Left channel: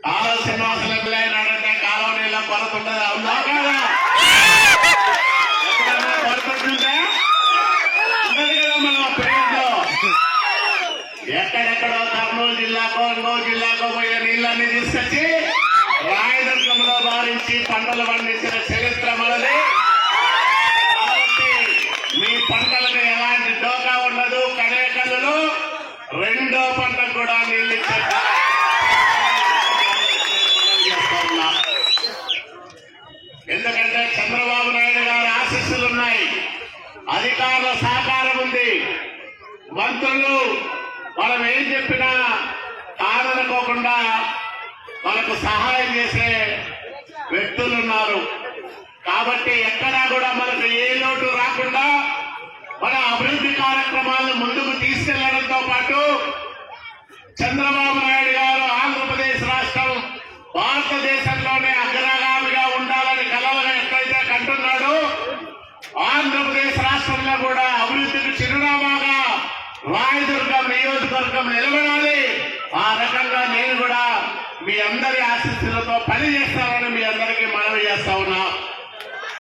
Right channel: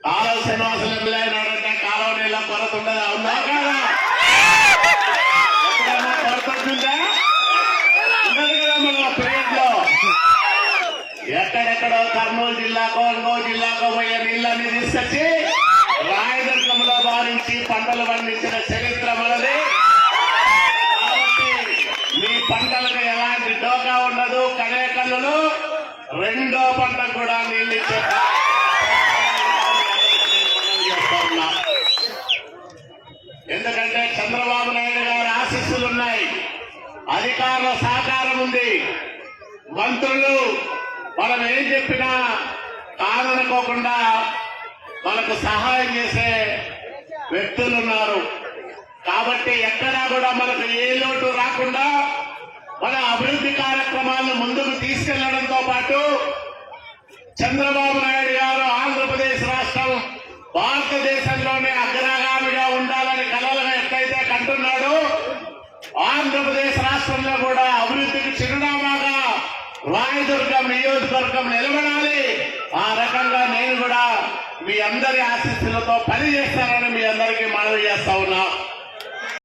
కాలువ శ్రీనివాసులు అన్నాడంటే కాలువ నీళ్ళ కొరత ఉండదా? ఉందా కాదా? ఎక్కడన్నా కొరత ఉంటుందా? ఉండదు కదా. మన పేరులో ఎక్కడెక్కడో కర్నూలు జిల్లాకో ఇంకో జిల్లాకో పోయే నీళ్ళని తీసుకొచ్చి రాయదుర్గంలో భావించి పంటలు పండించిన చరిత్ర మనది. కాబట్టి మీ పంటలకు ఎలాంటి డోకా ఉండదు. కనేకల్లులు రెండో పంటకు కూడా నీళ్ళు ఇచ్చే ఎందుకంటే చంద్రబాబు నాయుడు గారి ఆశీస్సులు ఉన్నాయి, అధికారుల సహకారం ఉంది, మంత్రులు మనం ఏం చెప్పినా కాదనుకోకుండా మనకు సహాయం చేసే వ్యక్తులు ఉన్నారు. కాబట్టి ఎక్కడా కూడా మనకు ఏ లోటు రాకుండా మన అభివృద్ధి కార్యక్రమాలను ముందుకు తీసుకెళ్లడంతో పాటు చంద్రబాబు నాయుడు గారు ఆంధ్రప్రదేశ్ రాష్ట్రం భారతదేశంలోనే అగ్రగామిగా ఉండాలని కలలుగా ఎక్కడైతే కంటున్నాడో ఆంధ్రప్రదేశ్ రాష్ట్రంలో కూడా అభివృద్ధికి చిరునామాగా రాయదుర్గం నియోజకవర్గం నిలబడాలి. ఆ రకంగా నేను కూడా మీ అందరి ఆశీస్సులతో పనిచేస్తానని మీ అందరికీ మనవి చేస్తా ఉన్నా.